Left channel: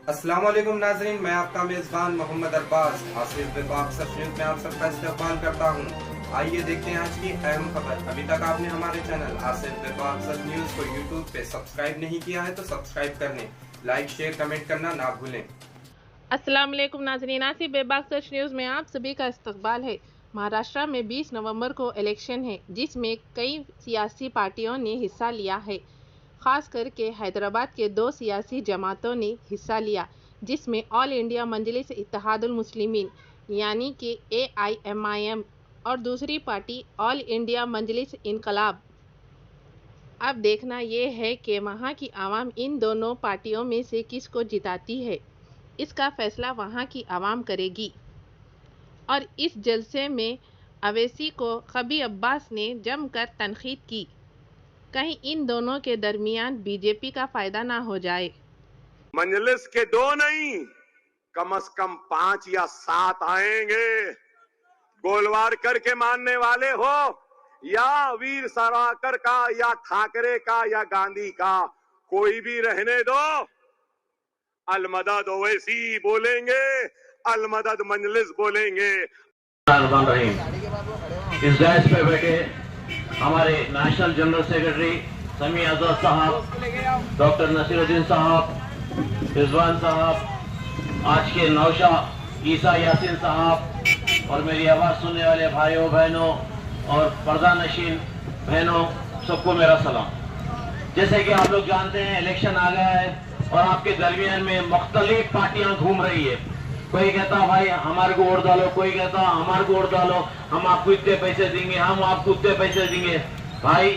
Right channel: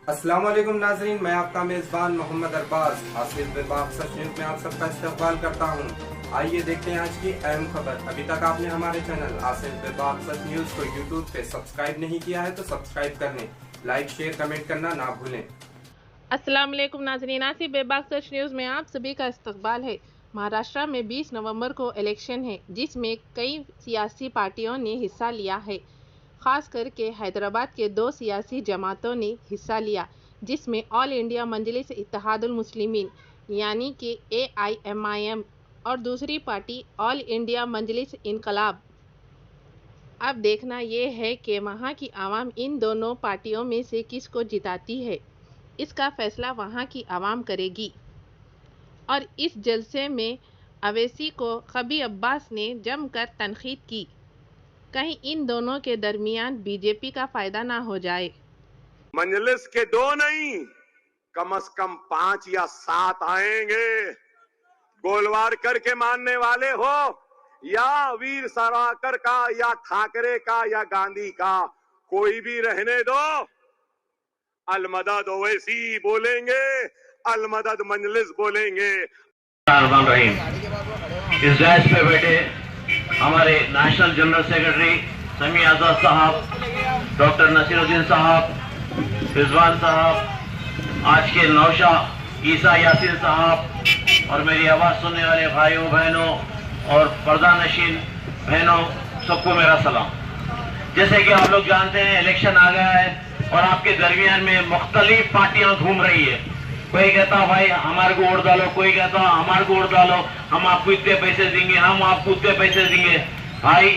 अस्सलाम वालेकुम नाजरीन, मैं आपका मेजबान मोहम्मद अरबाज हासिल बेबाक सच न्यूज में आप सबका इस्तकबाल करता हूँ। आइए देखते हैं आज की अहम खबर। अभी तक आपने हमारे चैनल आसिफ बेबाक सच न्यूज को यूट्यूब पे सब्सक्राइब नहीं किया है तो सब्सक्राइब करने, लाइक शेयर कमेंट करना ना भूलें। अस्सलाम वालेकुम नाज़रीन, आसिफ बेबाक सच न्यूज़ में आप सभी का इस्तकबाल है। महाराष्ट्र में 20 नवंबर को इलेक्शन है, जिसमें कई सियासी पार्टियों ने हिस्सा लिया है। ख़ास करके हैदराबाद के 2 सियासी जमातों ने हिस्सा लिया, जिसमें ऑल इंडिया मजलिस इत्तेहादुल मुस्लिमीन यानी कि AIMIM और दूसरी पार्टी ऑल इंडिया मजलिस इनकलाब। अब देखना ये है कि वहाँ की आवाम इन दोनों पार्टियों में से किसको जिताती है। इसका फैसला वहाँ की आवाम करेगी। और इस जलसे में अवैसी को कबी अब्बास ने जमकर तनकीद की, कहीं इन दोनों के दरमियान बीजेपी का फायदा ना हो जाए। मजलिस के 2 नहीं, कम से कम 5 या 7 आएंगे। गोलवार करके मानने वाले हो या वीर सावरकर का या ठाकरे का या गांधी का, कोई भी रहने दो। अलमदद ओवैसी बोलेंगे, अलमदद मजलिस बोलेंगे। इस डैश पे बैठे हमारे नेशनल जनरल सेक्रेटरी समी आजाद साहब, डॉक्टर नसीरुद्दीन साहब, रिजवान साहब, आज के नौशा ईसा यासीन साहब और मेरी आवाज सुनने वाले भाइयों बहनों और पर्दा नशीन बहनों, सबको मेरा सलाम। जैसे कि आप लोग जानते हैं, इलेक्शन आ गया है और आपके दरमियान में मुख्तलिफ पार्टियां घूम रही है। कोई कहता भाई हमारे को वोट डालो, कोई कहता हमारे को वोट डालो, हम आपको इतने पैसे देंगे, हम आपको इतने पैसे देंगे। भाई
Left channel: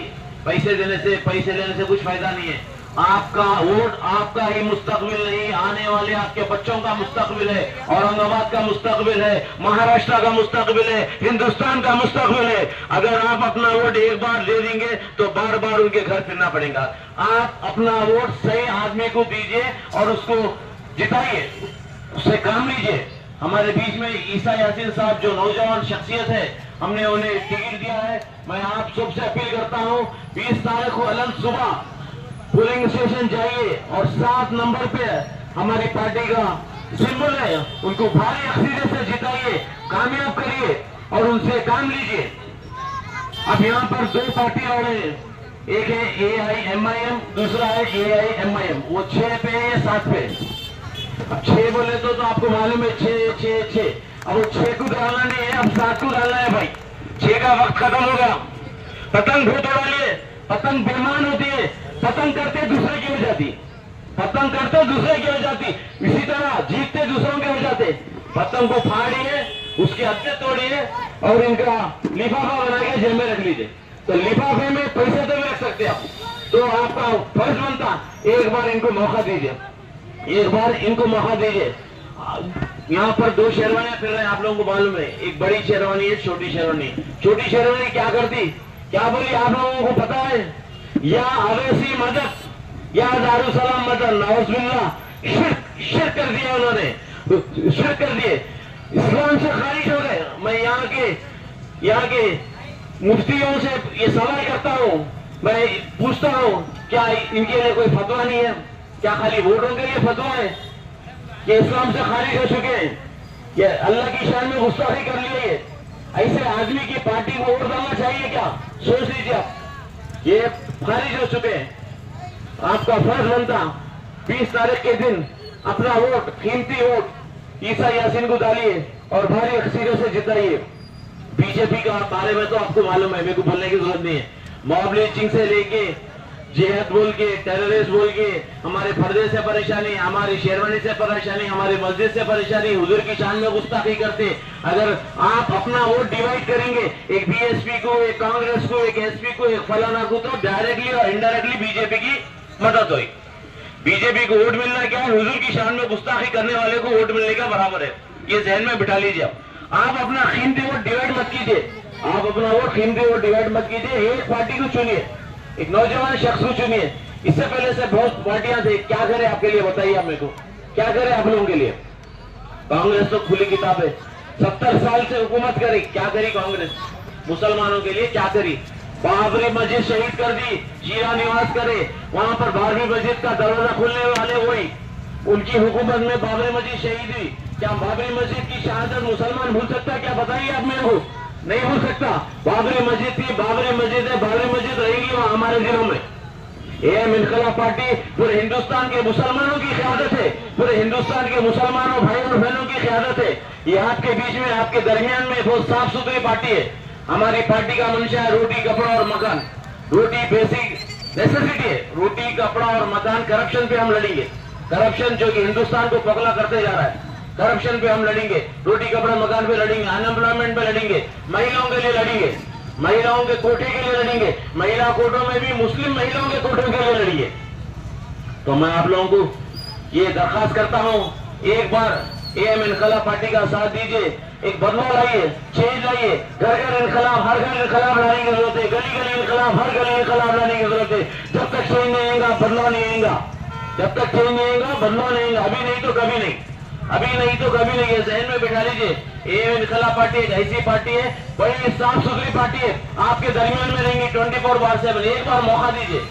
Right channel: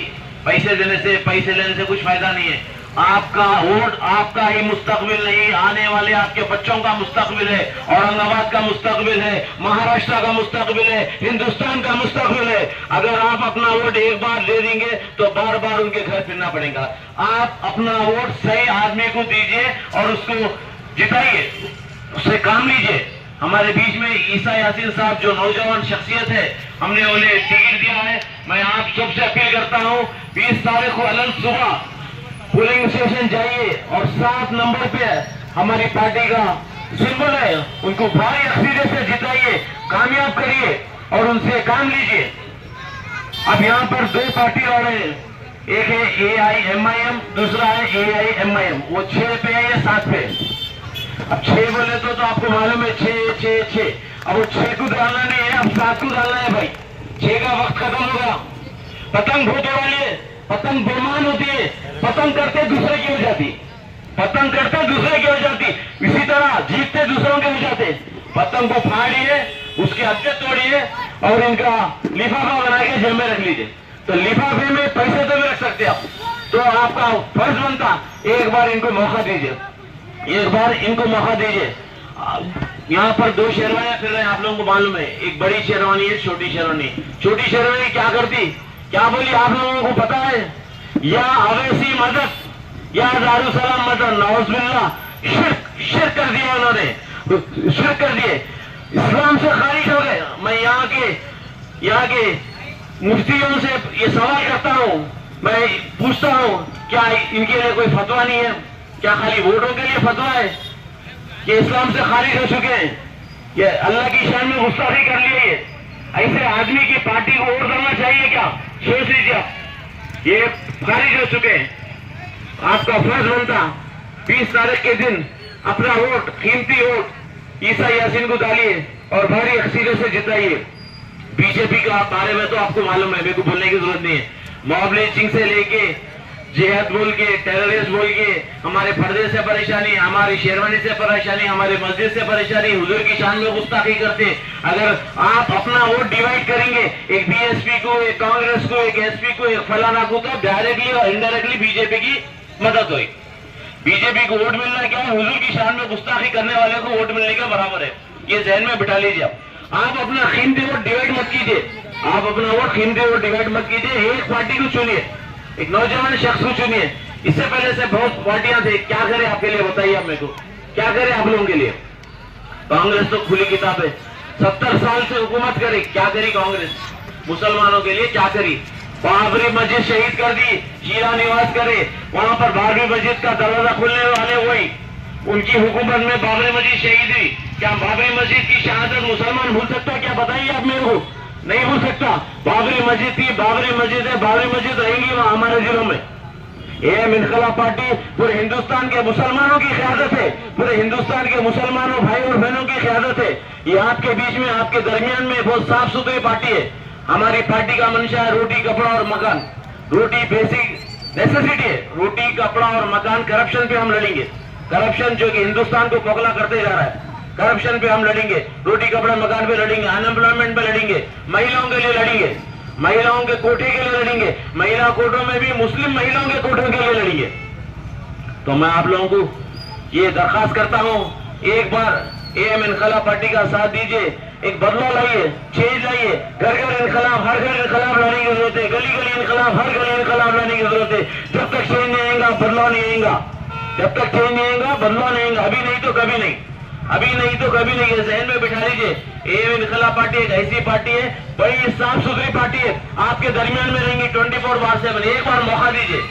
पैसे देने से पैसे लेने से कुछ फायदा नहीं है। आपका वोट आपका ही मुस्तकबिल नहीं, आने वाले आपके बच्चों का मुस्तकबिल है, औरंगाबाद का मुस्तकबिल है, महाराष्ट्र का मुस्तकबिल है, हिंदुस्तान का मुस्तकबिल है। अगर आप अपना वोट एक बार दे देंगे तो बार बार उनके घर फिरना पड़ेगा। आप अपना वोट सही आदमी को दीजिए और उसको जिताइए, उससे काम लीजिए। हमारे बीच में ईसा यासीन साहब जो नौजवान शख्सियत है, हमने उन्हें टिकट दिया है। मैं आप सबसे अपील करता हूँ, 20 तारीख को अलग सुबह पोलिंग स्टेशन जाइए और 7 नंबर पे हमारी पार्टी का सिंबल है, उनको भारी अक्सरियत से जिताइए, कामयाब करिए और उनसे काम लीजिए। अब यहाँ पर 2 पार्टी और है, एक है AIMIM, दूसरा है AIMIM। वो 6 पे है, 7 पे। अब 6 बोले तो आपको मालूम है 6 6 6। अब वो 6 को डालना नहीं है, अब 7 को डालना है भाई। 6 का वक्त खत्म होगा। पतंग बहुत उड़ाइए, पतंग बेमान होती है, पतंग करते दूसरे की हो जाती, पतंग करते दूसरे की हो जाती, इसी तरह जीतते दूसरों के हो जाते। पतंग को फाड़िए, उसके हत्थे तोड़िए और इनका लिफाफा बना के जेब में रख लीजिए। तो लिफाफे में पैसे तो भी रख सकते आप, तो आपका फर्ज बनता एक बार इनको मौका दीजिए, एक बार इनको मौका दीजिए। यहाँ पर 2 शेरवानियां फिर रहे हैं, आप लोगों को मालूम है, एक बड़ी शेरवानी है, छोटी शेरवानी। छोटी शेरवानी क्या करती, क्या बोली आप लोगों को पता है? या अवैसी मदद या दारुसलाम मदद, नौजुबिल्ला, शिर्क कर दिया उन्होंने, शिर्क कर दिए, इस्लाम से खारिज हो गए। मैं यहाँ के मुफ्तियों से ये सवाल करता हूँ, मैं पूछता हूँ, क्या इनके लिए कोई फतवा नहीं है? क्या खाली वोटों के लिए फतवा है? ये इस्लाम से खारिज हो चुके हैं, ये अल्लाह की शान में गुस्ताखी कर लिए। ऐसे आदमी की पार्टी को वोट डालना चाहिए क्या? सोच लीजिए आप, ये खारिज हो चुके हैं। आपका फर्ज बनता 20 तारीख के दिन अपना वोट, कीमती वोट ईसा यासीन को डालिए और भारी अक्सरियत से जिताइए। बीजेपी का बारे में तो आपको मालूम है, मेरे को बोलने की जरूरत नहीं है। मॉब लिंचिंग से लेके जिहाद बोल के, टेररिस्ट बोल के, हमारे पर्दे से परेशानी, हमारी शेरवानी से परेशानी, हमारी मस्जिद से परेशानी, हुजूर की शान में गुस्ताखी करते। अगर आप अपना वोट डिवाइड करेंगे, एक BSP को, एक कांग्रेस को, एक SP को, एक फलाना को, तो डायरेक्टली और इनडायरेक्टली बीजेपी की मदद हुई। बीजेपी को वोट मिलना क्या है? हुजूर की शान में गुस्ताखी करने वाले को वोट मिलने का बराबर है। ये जहन में बिठा लीजिए। आप अपना कीमती वोट डिवाइड मत कीजिए, आप अपना वोट कीमती वोट डिवाइड मत कीजिए। एक पार्टी को चुनिए, एक नौजवान शख्स को चुनिए। इससे पहले से बहुत पार्टियां थे, क्या करें आपके लिए बताइए आप मेरे को, क्या करें आप लोगों के लिए? कांग्रेस तो खुली किताब है, 70 साल से हुकूमत करे, क्या करी कांग्रेस? मुसलमानों के लिए क्या करी? बाबरी मस्जिद शहीद कर दी, शीरा निवास करे, वहां पर बाबरी मस्जिद का दरवाजा खुलने वाले वही, उनकी हुकूमत में बाबरी मस्जिद शहीद हुई। क्या बाबरी मस्जिद की शहादत मुसलमान भूल सकता? क्या बताइए आप मेरे को? नहीं भूल सकता। बाबरी मस्जिद थी, बाबरी मस्जिद है, बाबरी मस्जिद रहेगी वहां हमारे जिलों में। एम इनकलाब पार्टी पूरे हिंदुस्तान के मुसलमानों की क़यादत है, पूरे हिंदुस्तान के मुसलमानों भाई और बहनों की क़यादत है। ये आपके बीच में, आपके दरमियान में बहुत साफ सुथरी पार्टी है। हमारी पार्टी का मंशा रोटी, कपड़ा और मकान। रोटी बेसिक नेसेसिटी है, रोटी, कपड़ा और मकान। करप्शन पे हम लड़ेंगे, करप्शन जो कि हिंदुस्तान को पगला करते जा रहा है, करप्शन पे हम लड़ेंगे। रोटी, कपड़ा, मकान पे लड़ेंगे, अनएम्प्लॉयमेंट पे लड़ेंगे, महिलाओं के लिए लड़ेंगे, महिलाओं के कोटे के लिए लड़ेंगे, महिला कोटों में भी मुस्लिम महिलाओं के कोटों के लिए लड़ेंगे। तो मैं आप लोगों को ये दरखास्त करता हूं, एक बार एम इनकलाब पार्टी का साथ दीजिए, एक बदलाव लाइए, चेंज लाइए। घर घर इनकलाब, हर घर इनकलाब लाने की जरूरत है, गली गली इनकलाब, हर गली इनकलाब लाने की जरूरत है। जब तक चेंज नहीं आएगा बदलाव नहीं आएगा, जब तक चेंज नहीं आएगा बदलाव नहीं आएगा। अभी नहीं तो कभी नहीं, अभी नहीं तो कभी नहीं। जहन में बिठा लीजिए, एम इनकलाब पार्टी एक ऐसी पार्टी है, बड़ी साफ सुथरी पार्टी है, आपके दरमियान में रहेंगे 24/7। एक बार मौका दीजिए,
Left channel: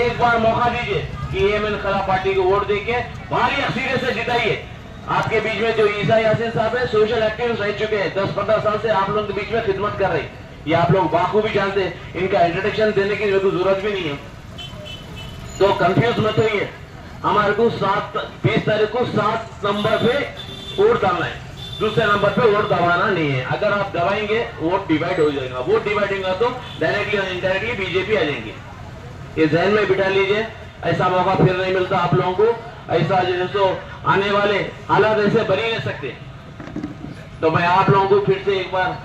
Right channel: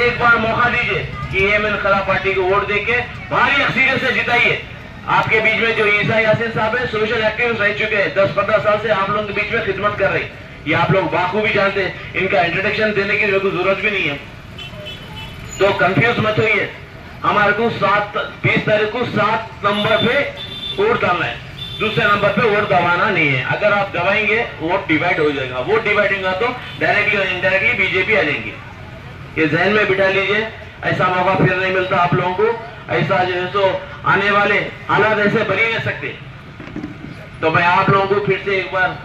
एक बार मौका दीजिए कि एम इनकलाब पार्टी को वोट देके भारी अक्सरियत से जिताइए। आपके बीच में जो ईसा यासीन साहब है, सोशल एक्टिविस्ट रह चुके हैं, 10-15 साल से आप लोगों के बीच में खिदमत कर रहे हैं। ये आप लोग बाखूबी जानते हैं, इनका इंट्रोडक्शन देने की जरूरत भी नहीं है। तो कंफ्यूज मत होइए। हमारे को 20 तारीख को 7 नंबर पे वोट डालना है, दूसरे नंबर पे वोट दबाना नहीं है। अगर आप दबाएंगे वोट डिवाइड हो जाएगा, वोट डिवाइड होगा तो डायरेक्टली और इनडायरेक्टली बीजेपी आ जाएंगे। ये जहन में बिठा लीजिए, ऐसा मौका फिर नहीं मिलता आप लोगों को। ऐसा जो है सो आने वाले हालात ऐसे बन ही नहीं सकते। तो मैं आप लोगों को फिर से एक बार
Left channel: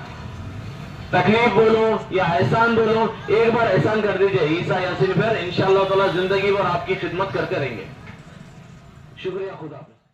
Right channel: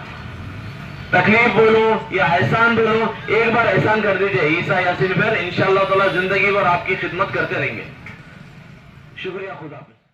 तकलीफ बोलूं या एहसान बोलूं, एक बार एहसान कर दीजिए ईसा यासीन पर, इंशाअल्लाह ताला जिंदगी भर आपकी खिदमत करते रहेंगे। शुक्रिया, खुदा हाफिज़।